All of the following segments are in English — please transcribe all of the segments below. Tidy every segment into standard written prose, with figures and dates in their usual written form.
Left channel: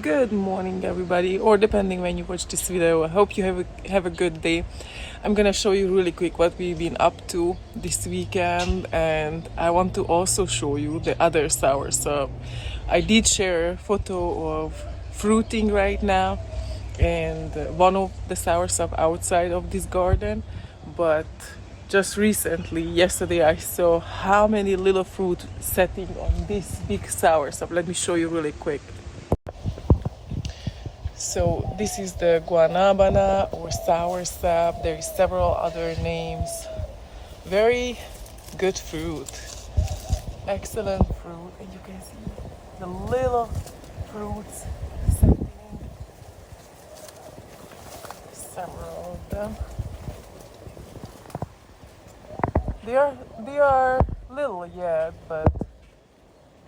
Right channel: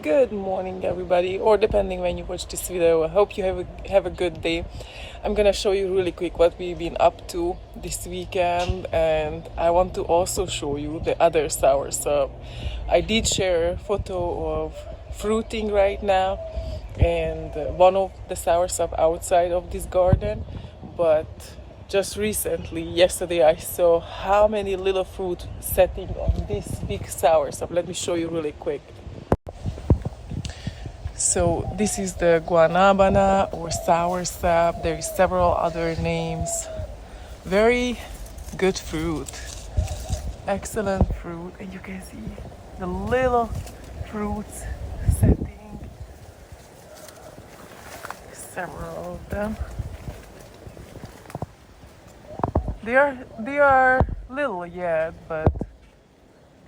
Good morning, everybody, or depending when you watch this video. I hope you have a good day. I'm gonna show you really quick what we've been up to this weekend, and I want to also show you the other soursop. I did share a photo of fruiting right now, and one of the soursop outside of this garden, but just recently, yesterday, I saw how many little fruit setting on this big soursop. Let me show you really quick. So this is the guanabana or soursop. There is several other names. Very good fruit. Excellent fruit. And you can see the little fruits setting. Several of them. They are little yet, but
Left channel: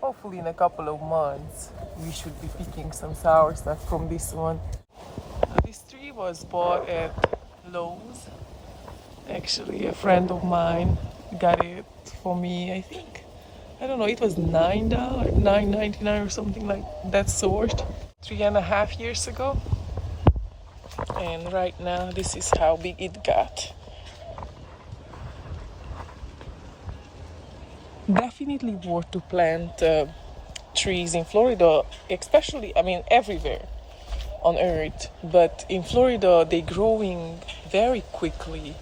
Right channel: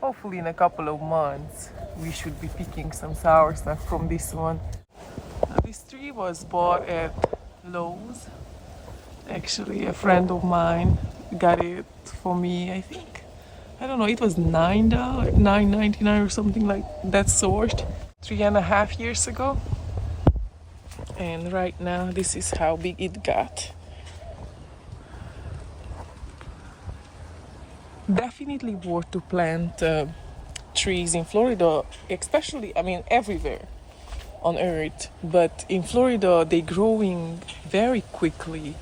hopefully in a couple of months we should be picking some soursop from this one. This tree was bought at Lowe's. Actually, a friend of mine got it for me. I don't know, it was $9, $9.99 or something like that sort. 3.5 years ago. And right now, this is how big it got. Definitely worth to plant trees in Florida, especially, everywhere on earth, but in Florida they're growing very quickly.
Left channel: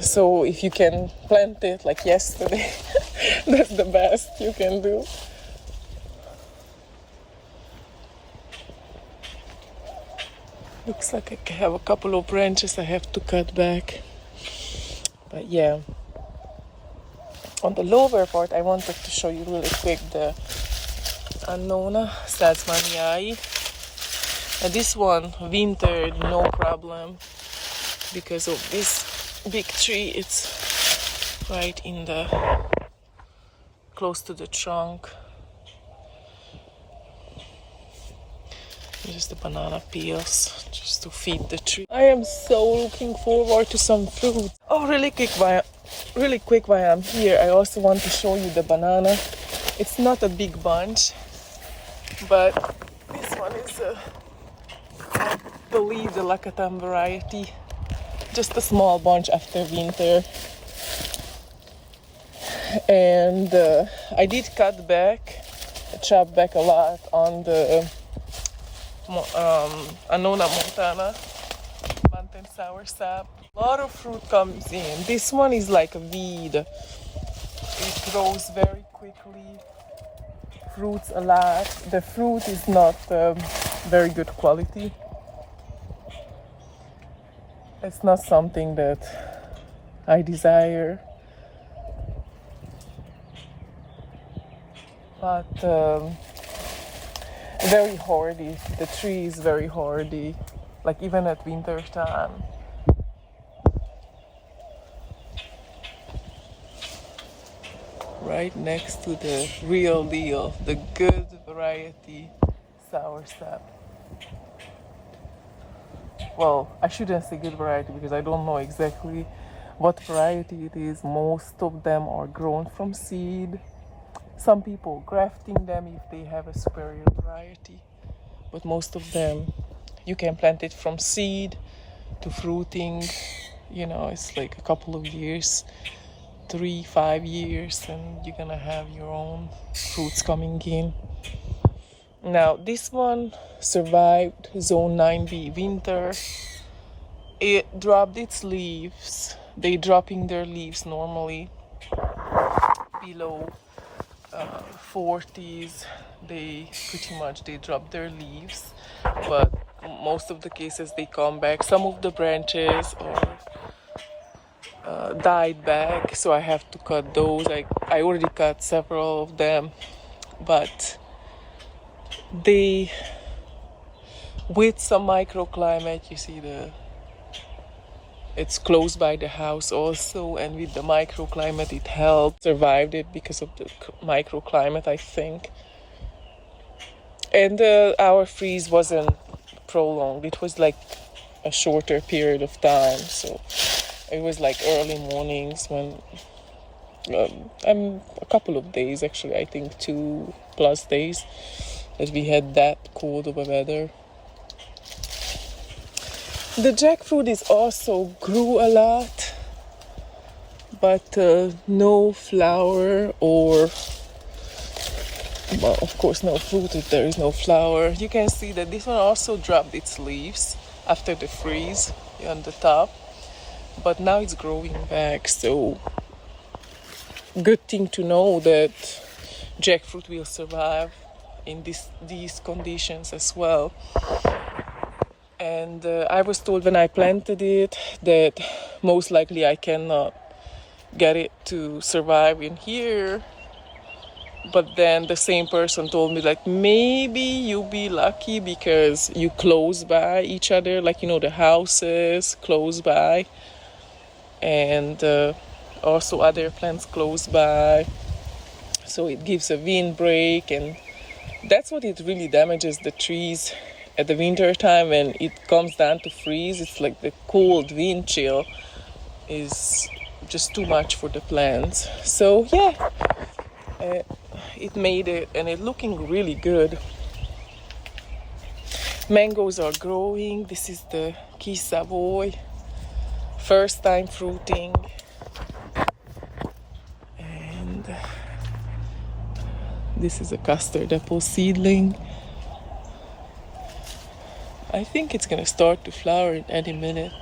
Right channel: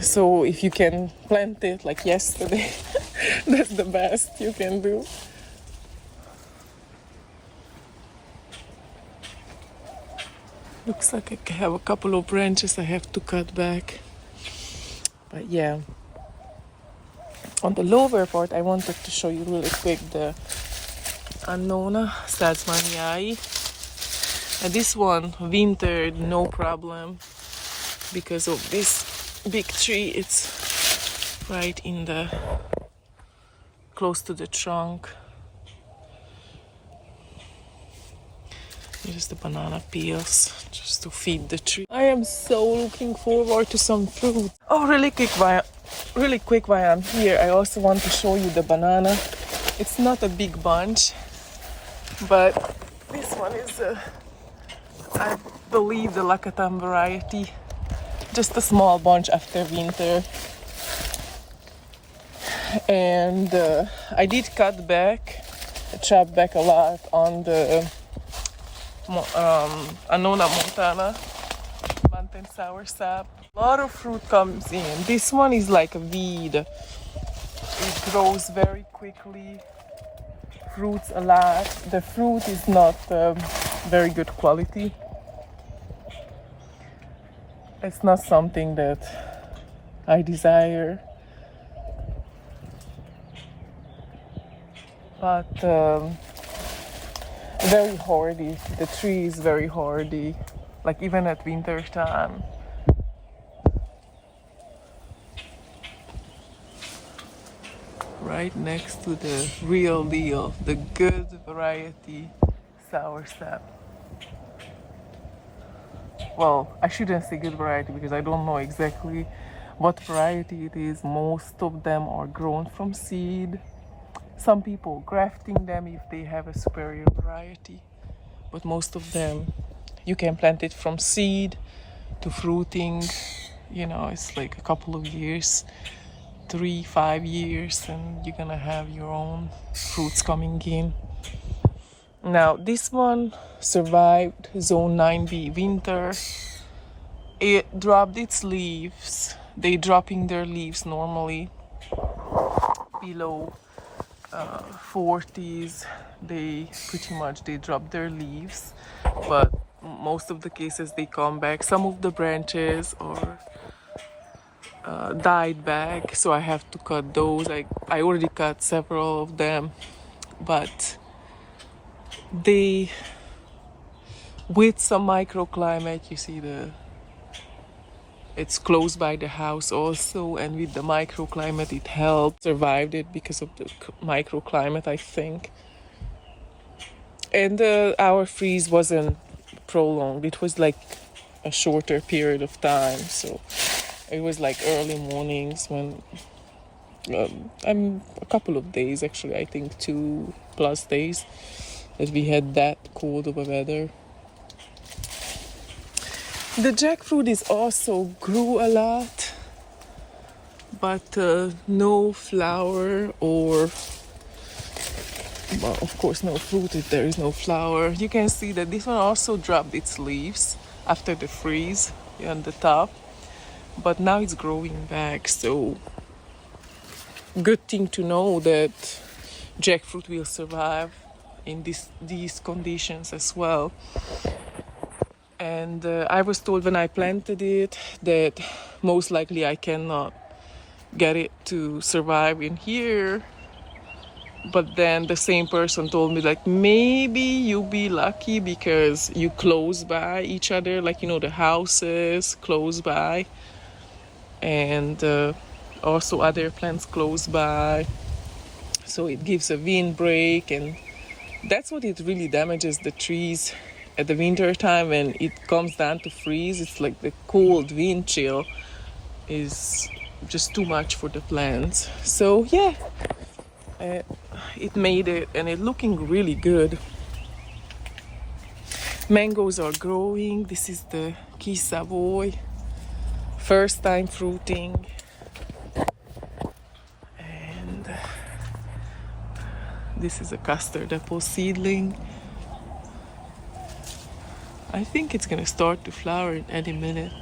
So if you can plant it like yesterday, that's the best you can do. Looks like I have a couple of branches I have to cut back. But yeah, on the lower part, I wanted to show you really quick the Annona Stadsmaniai. And this one wintered no problem because of this big tree. It's right in the close to the trunk. Here's the banana peels just to feed the tree. I am so looking forward to some fruit. Oh, really quick while I'm here, I also want to show you the banana. It's not a big bunch, but this one is, I believe, the Lakatan variety. Just a small bunch after winter. And I did chop back a lot on the Annona montana, mountain soursop. A lot of fruit comes in. This one is like a weed. It grows very quickly, fruits a lot. The fruit is not very good quality. It's not something that I desire. But very hardy. The tree is very hardy, like even at winter time. Right next to the real deal, the good variety soursop. Well, I shouldn't say good variety because I don't know exactly what variety it is. Most of them are grown from seed. Some people grafting them if they have a superior variety, but most of them you can plant it from seed to fruiting. It's like a couple of years, 3-5 years, and you're gonna have your own fruits coming in. Now this one survived zone 9B winter. It dropped its leaves. They dropping their leaves normally below 40s. They drop their leaves, but most of the cases they come back. Some of the branches are died back, so I have to cut those. I already cut several of them, but they, with some microclimate, you see it's close by the house also, and with the microclimate it helped survived it because of the microclimate, I think. And our freeze wasn't prolonged. It was like a shorter period of time, so it was like early mornings when A couple of days actually. I think 2+ days that we had that cold of a weather. The jackfruit is also grew a lot, but no flower or, well, of course, no fruit if there is no flower. You can see that this one also dropped its leaves after the freeze on the top, but now it's growing back. So good thing to know that jackfruit will survive in these conditions as well. And I was told when I planted it that most likely I cannot get it to survive in here. But then the same person told me, like, maybe you'll be lucky because you close by each other, like, you know, the houses close by, and also other plants close by. So it gives a windbreak, and that's what it really damages the trees at the winter time when it comes down to freeze. It's like the cold wind chill is just too much for the plants. So yeah, it made it, and it's looking really good. Mangoes are growing. This is the Key Savoy, first time fruiting. And this is a custard apple seedling. I think it's gonna start to flower in any minute.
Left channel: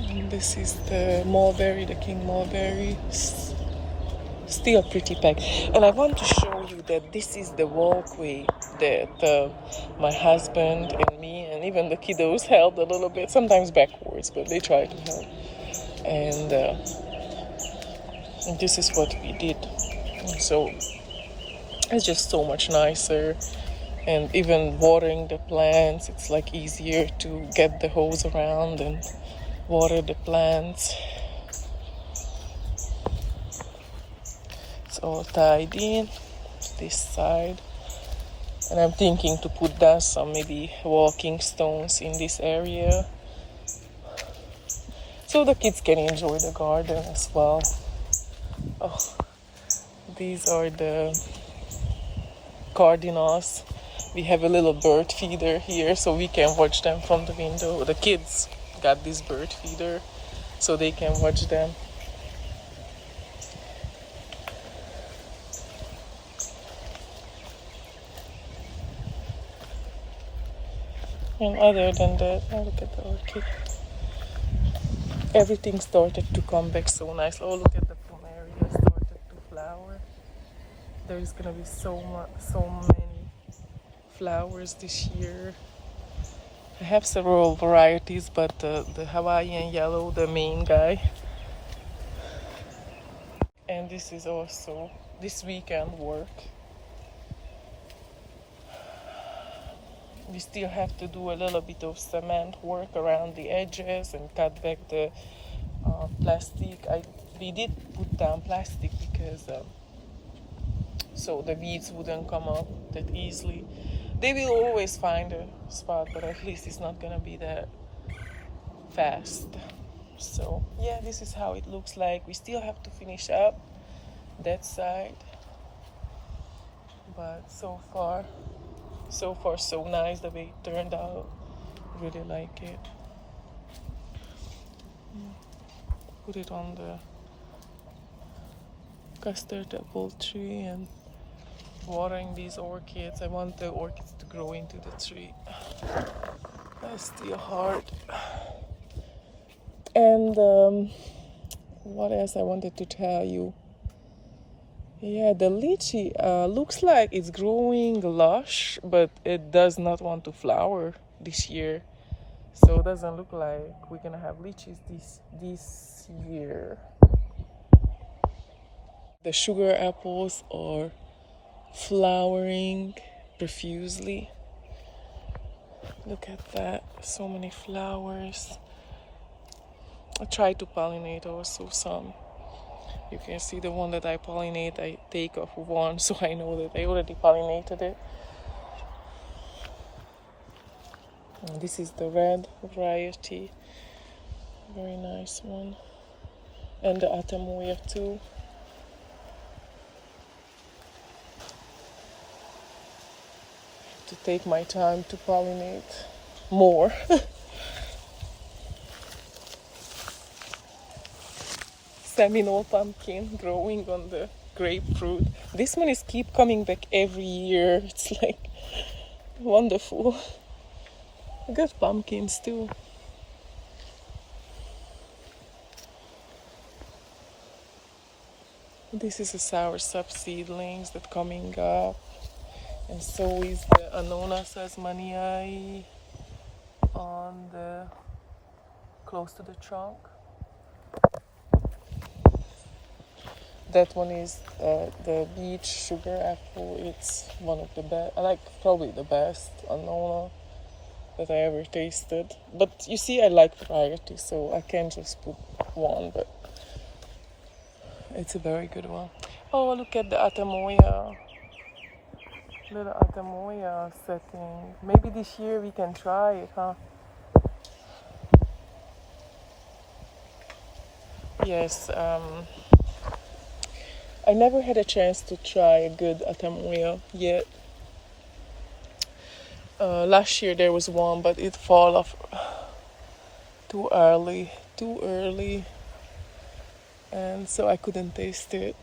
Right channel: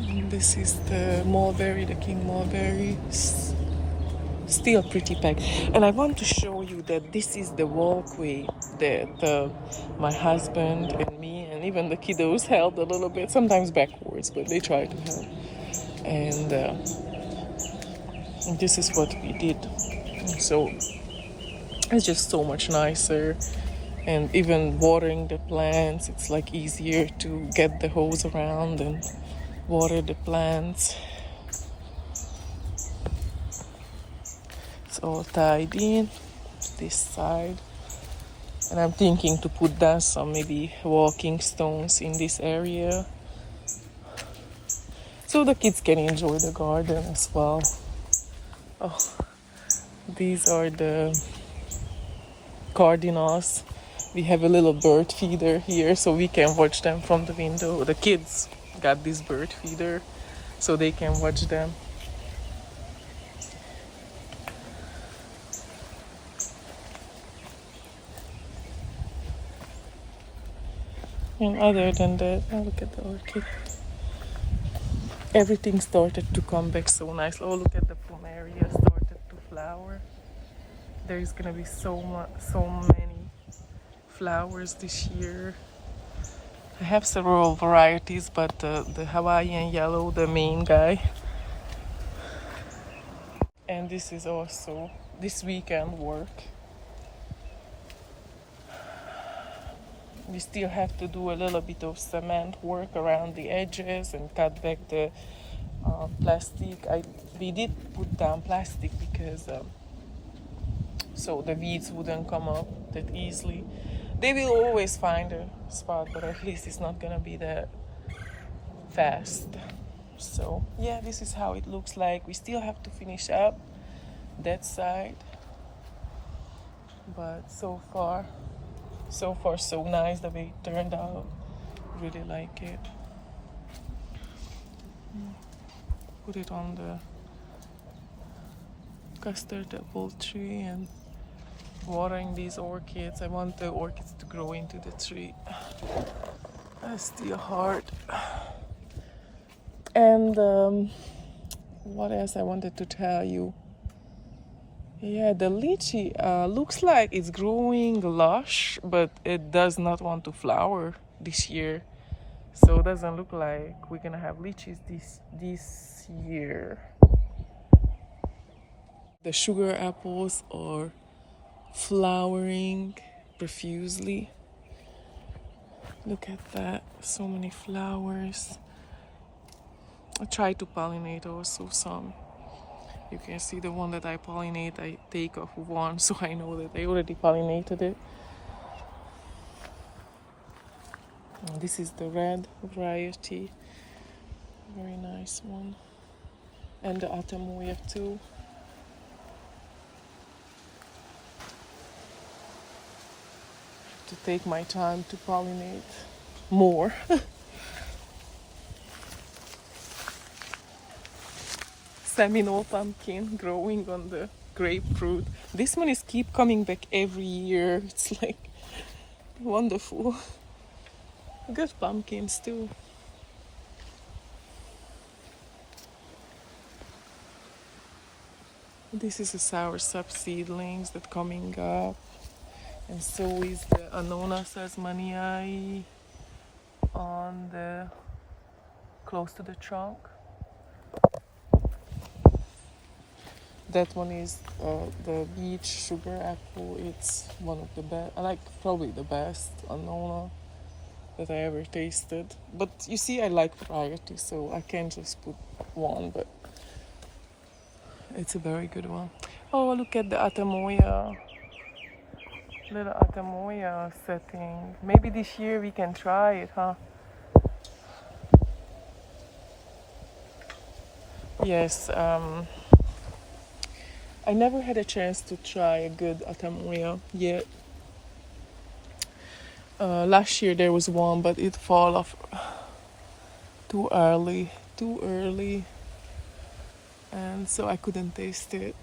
And this is the mulberry, the king mulberry. Still pretty packed. And I want to show you that this is the walkway that my husband and me and even the kiddos held a little bit, sometimes backwards, but they try to help. And this is what we did. And so it's just so much nicer. And even watering the plants, it's like easier to get the hose around and water the plants. It's all tied in to this side. And I'm thinking to put down some maybe walking stones in this area, so the kids can enjoy the garden as well. Oh, these are the cardinals. We have a little bird feeder here, so we can watch them from the window. The kids got this bird feeder, so they can watch them. And other than that, oh, look at the orchid. Everything started to come back so nice. Oh, look at the plumeria started to flower. There's gonna be so many flowers this year. I have several varieties, but the Hawaiian yellow, the main guy. And this is also this weekend work. We still have to do a little bit of cement work around the edges and cut back the plastic. We did put down plastic because so the weeds wouldn't come up that easily. They will always find a spot, but at least it's not gonna be that fast. So yeah, this is how it looks like. We still have to finish up that side, but so far so nice the way it turned out. Really like it. Put it on the custard apple tree and watering these orchids. I want the orchids to grow into the tree. That's still hard. And what else I wanted to tell you? Yeah, the lychee looks like it's growing lush, but it does not want to flower this year. So it doesn't look like we're gonna have lychees this year. The sugar apples are flowering profusely. Look at that, so many flowers. I tried to pollinate also some You can see the one that I pollinate, I take off one, so I know that I already pollinated it. And this is the red variety, very nice one. And the Atamoya too. To take my time to pollinate more. Seminole pumpkin growing on the grapefruit. This one is keep coming back every year. It's like wonderful. Good pumpkins too. This is the soursop seedlings that coming up, and so is the Anonas tasmaniae on the close to the trunk. That one is the beach sugar apple. It's one of the best, like probably the best Anona that I ever tasted. But you see, I like variety, so I can't just put one, but it's a very good one. Oh, look at the Atamoya. Little Atamoya setting. Maybe this year we can try it, huh? Yes, I never had a chance to try a good Atamoya yet. Last year there was one, but it fall off too early, and so I couldn't taste it.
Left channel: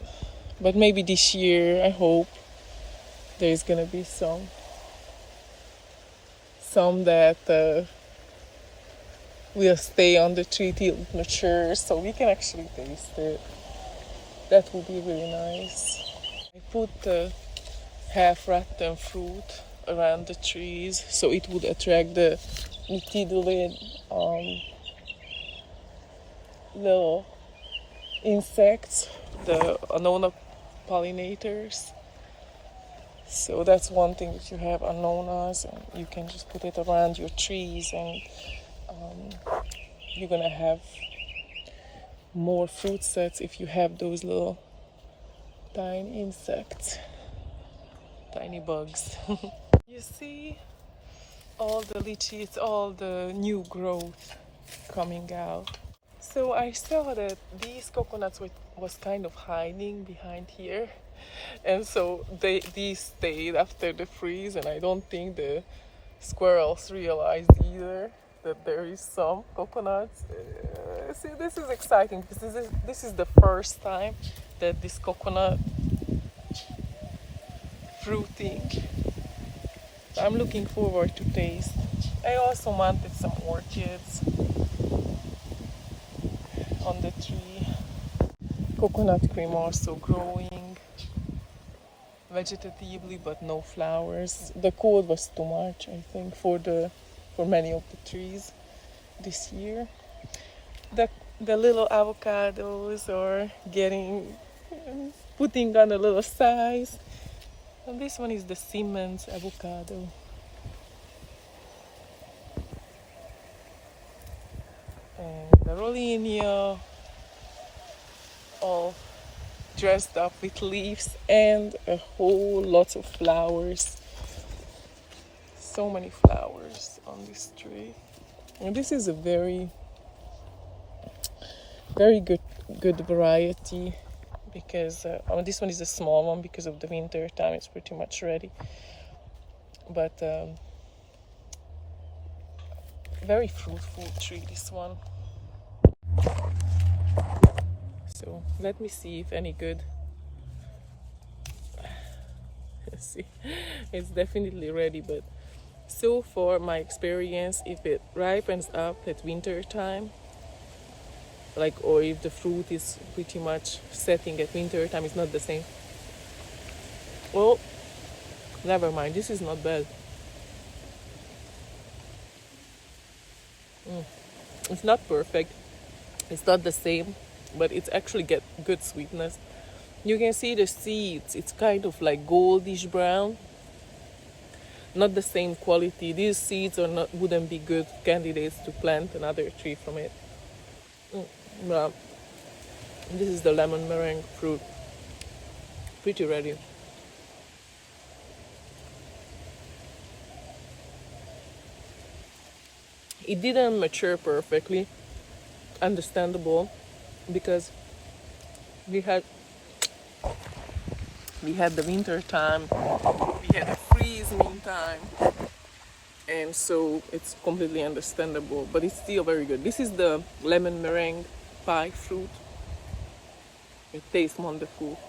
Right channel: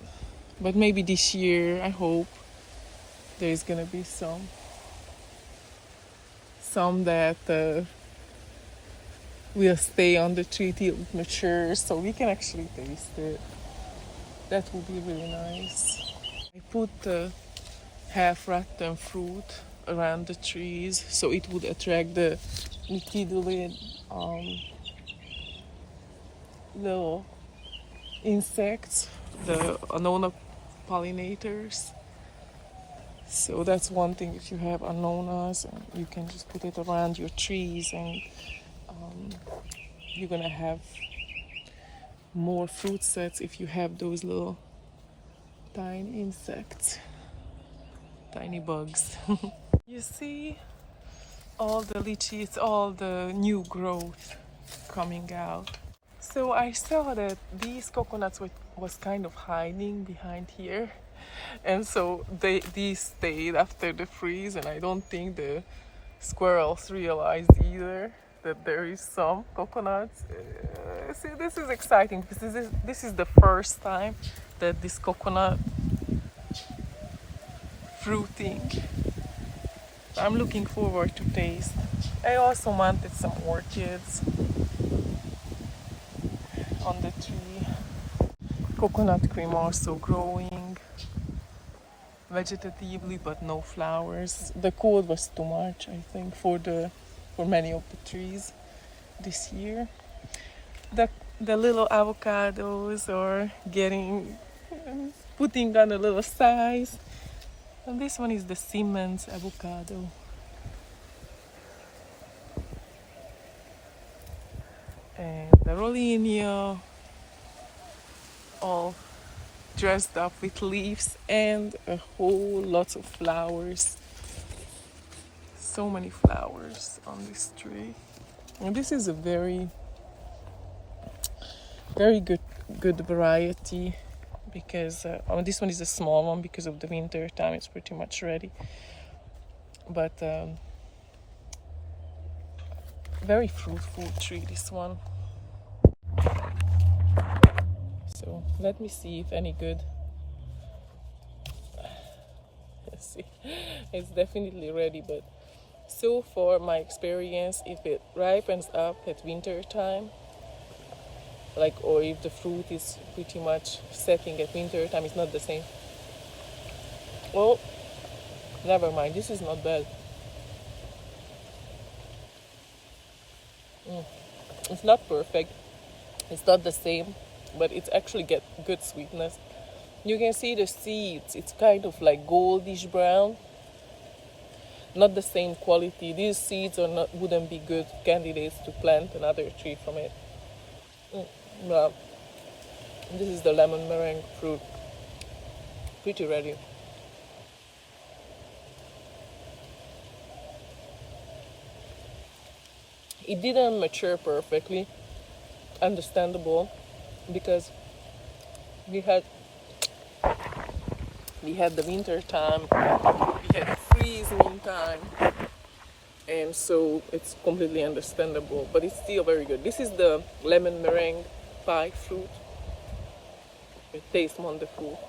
But maybe this year, I hope there's gonna be some that will stay on the tree till it matures, so we can actually taste it. That would be really nice. I put half-ripened fruit around the trees, so it would attract the nitidolid little insects, the Anona pollinators. So that's one thing. If you have Anonas, you can just put it around your trees, and you're gonna have more fruit sets if you have those little tiny insects, tiny bugs. You see all the lychees, all the new growth coming out. So I saw that these coconuts was kind of hiding behind here, and so these stayed after the freeze, and I don't think the squirrels realized either that there is some coconuts. See, this is exciting because this is the first time that this coconut fruiting. I'm looking forward to taste. I also wanted some orchids on the tree. Coconut cream also growing vegetatively, but no flowers. The cold was too much, I think, for many of the trees this year. The little avocados are putting on a little size. And this one is the Siemens avocado. And the Rollinia, all dressed up with leaves and a whole lot of flowers. So many flowers on this tree. And this is a very good variety, because this one is a small one because of the winter time. It's pretty much ready, but very fruitful tree, this one. So let me see if any good. Let's see, it's definitely ready, but so far my experience, if it ripens up at winter time, or if the fruit is pretty much setting at winter time, it's not the same. Oh, never mind, this is not bad. It's not perfect, it's not the same, but it's actually get good sweetness. You can see the seeds, it's kind of like goldish brown, not the same quality. These seeds wouldn't be good candidates to plant another tree from it. Yeah. This is the lemon meringue fruit. Pretty ready. It didn't mature perfectly, understandable, because we had the winter time, we had freezing time, and so it's completely understandable, but it's still very good. This is the lemon meringue pie fruit. It tastes wonderful.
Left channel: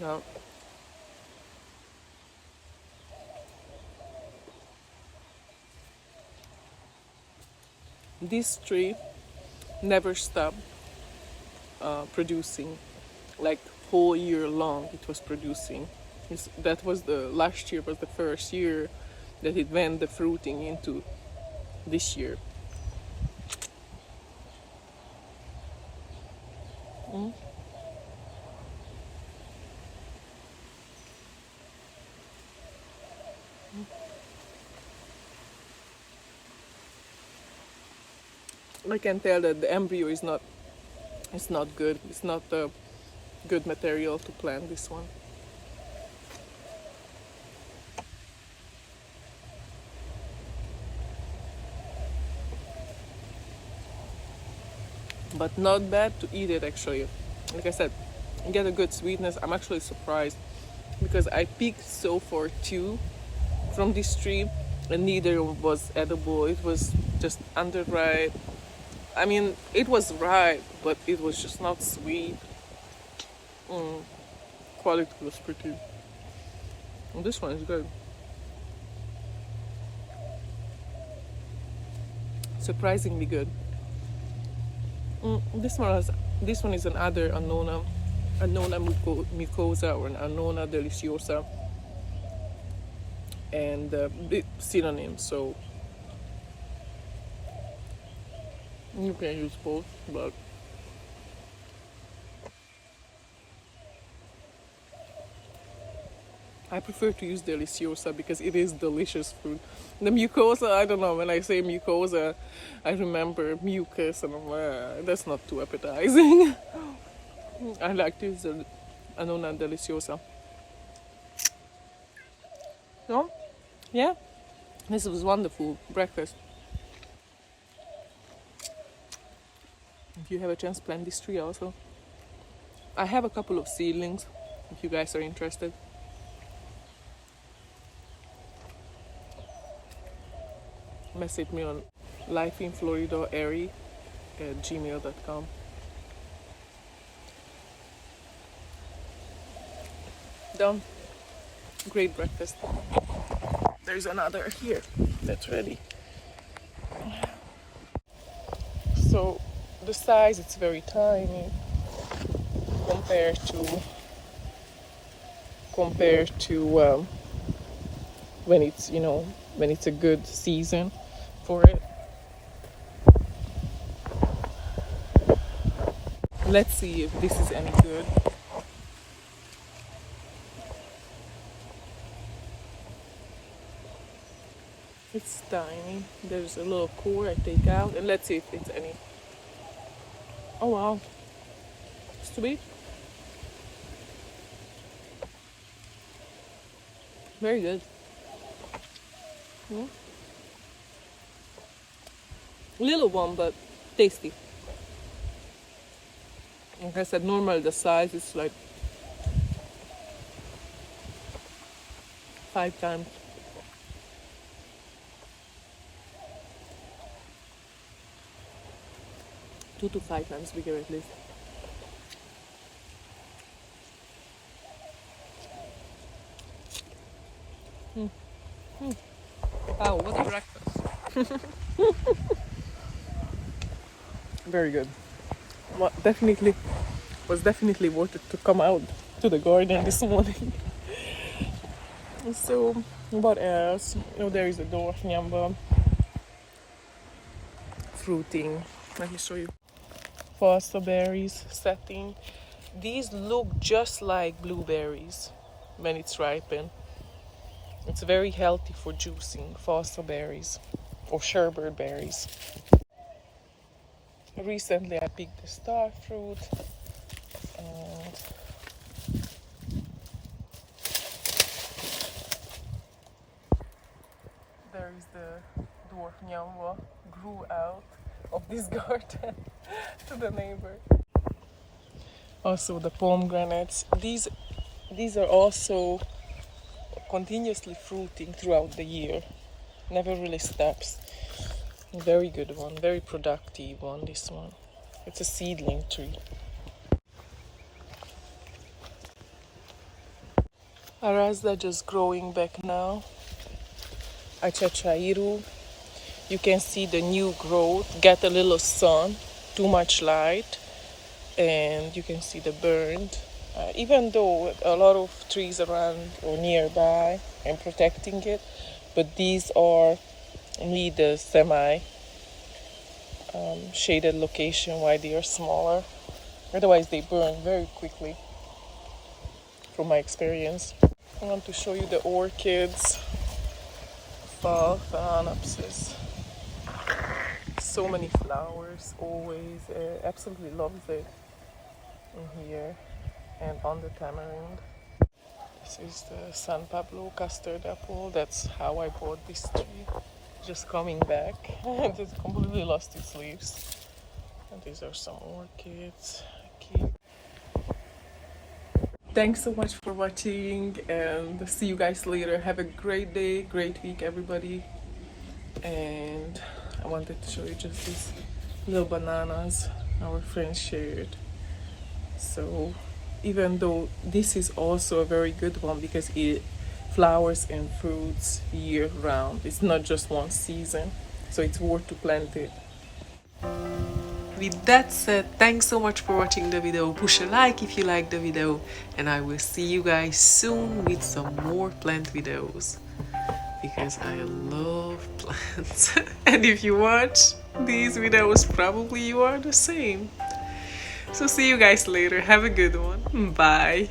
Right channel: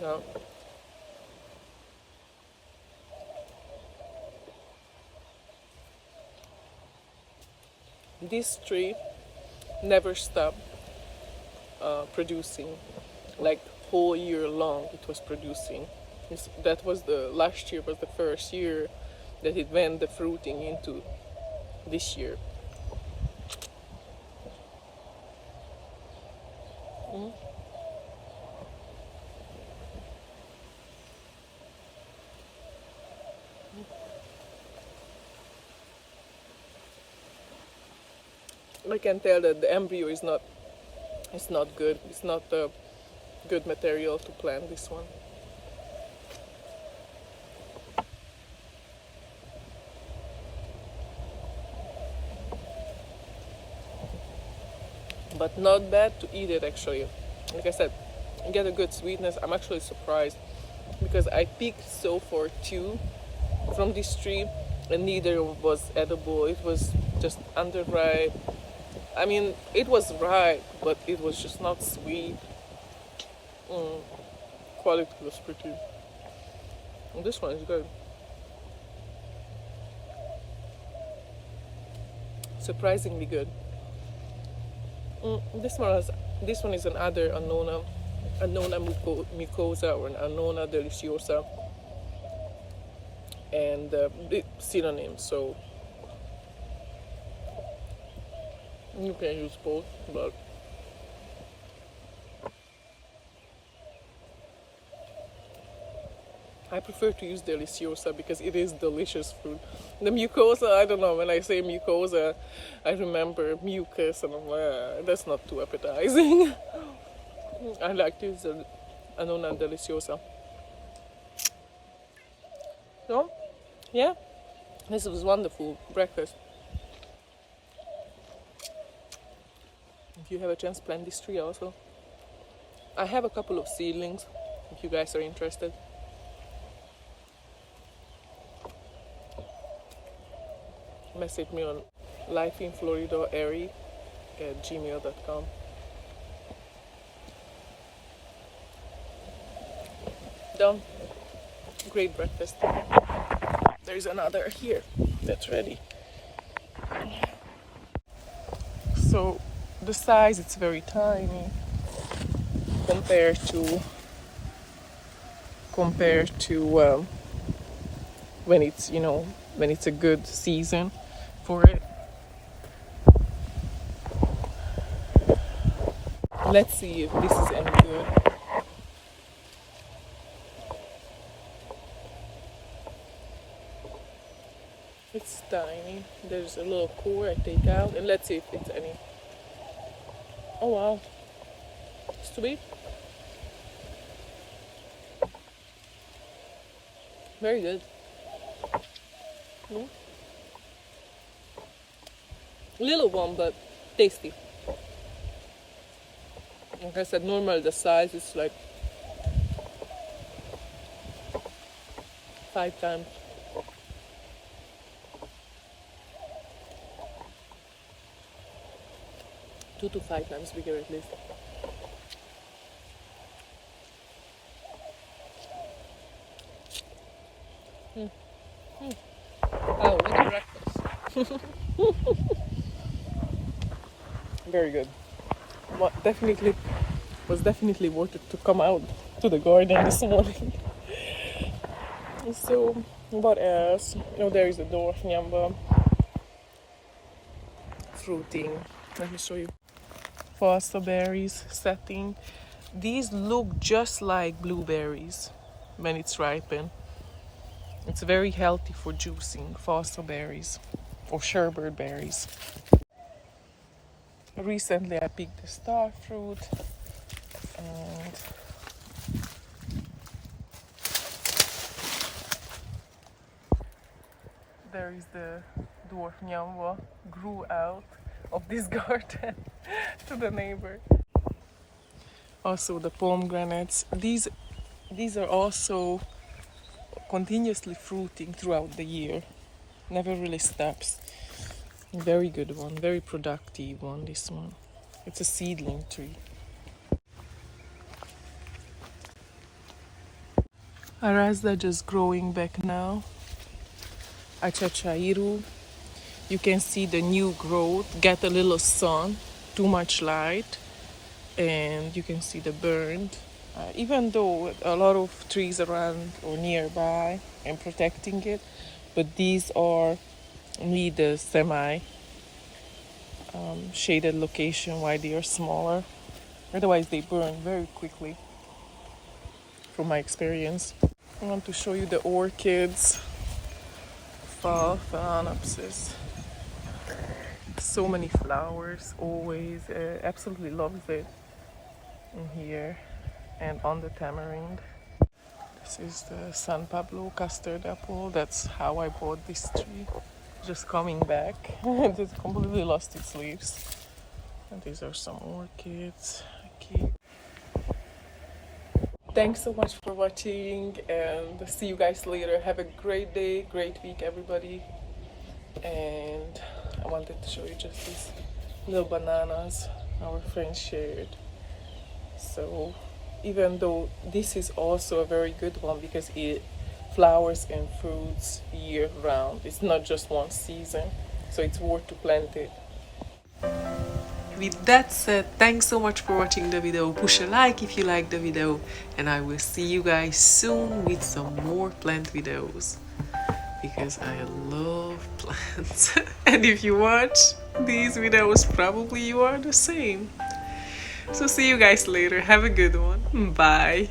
Now, this tree never stopped producing, like whole year long it was producing. That was the last year was the first year that it went the fruiting into this year. Mm. I can tell that the embryo is not, it's not good. It's not a good material to plant this one. But not bad to eat it actually. Like I said, you get a good sweetness. I'm actually surprised because I picked so far two from this tree and neither was edible. It was just underripe. I mean, it was ripe, but it was just not sweet. Quality was pretty. And this one is good. Surprisingly good. This one is another annona mucosa or an annona deliciosa, and synonym. So you can use both, but I prefer to use deliciosa because it is delicious fruit. The mucosa, I don't know, when I say mucosa, I remember mucus and I'm like, that's not too appetizing. I like to use the annona deliciosa. So, yeah, this was wonderful breakfast. If you have a chance, plant this tree also. I have a couple of seedlings, if you guys are interested. Message me on lifeinfloridaairy@gmail.com. Done. Great breakfast. There's another here that's ready. So the size, it's very tiny compared to when it's when it's a good season for it. Let's see if this is any good. It's tiny. There's a little core I take out, and let's see if it's any. Oh wow, sweet. Very good. Little one, but tasty. Like I said, normally the size is like 5 times. 2 to 5 times bigger at least. Oh, what a breakfast. Very good. Was definitely worth it to come out to the garden this morning. So, what else? Oh, there is a dwarf nyamba fruiting. Let me show you. Foster berries setting. These look just like blueberries when it's ripened. It's very healthy for juicing, foster berries or sherbet berries. Recently I picked the star fruit, and there is the dwarf nyamba grew out of this garden to the neighbor. Also the pomegranates. These are also continuously fruiting throughout the year. Never really stops. Very good one, very productive one, this one. It's a seedling tree. Arazda just growing back now. Achachairu. You can see the new growth, get a little sun, too much light, and you can see the burned. Even though a lot of trees around or nearby and protecting it, but these are need a semi shaded location why they are smaller. Otherwise they burn very quickly from my experience. I want to show you the orchids. Phalaenopsis. So many flowers always. Absolutely loves it in here and on the tamarind. This is the San Pablo custard apple. That's how I bought this tree. Just coming back. It just completely lost its leaves. And these are some orchids. Okay. Thanks so much for watching, and see you guys later. Have a great day, great week, everybody. And I wanted to show you just these little bananas our friends shared. So even though this is also a very good one because it flowers and fruits year round, it's not just one season, so it's worth to plant it. With that said, thanks so much for watching the video. Push a like if you like the video, and I will see you guys soon with some more plant videos because I love plants. And if you watch these videos, probably you are the same. So see you guys later. Have a good one. Bye.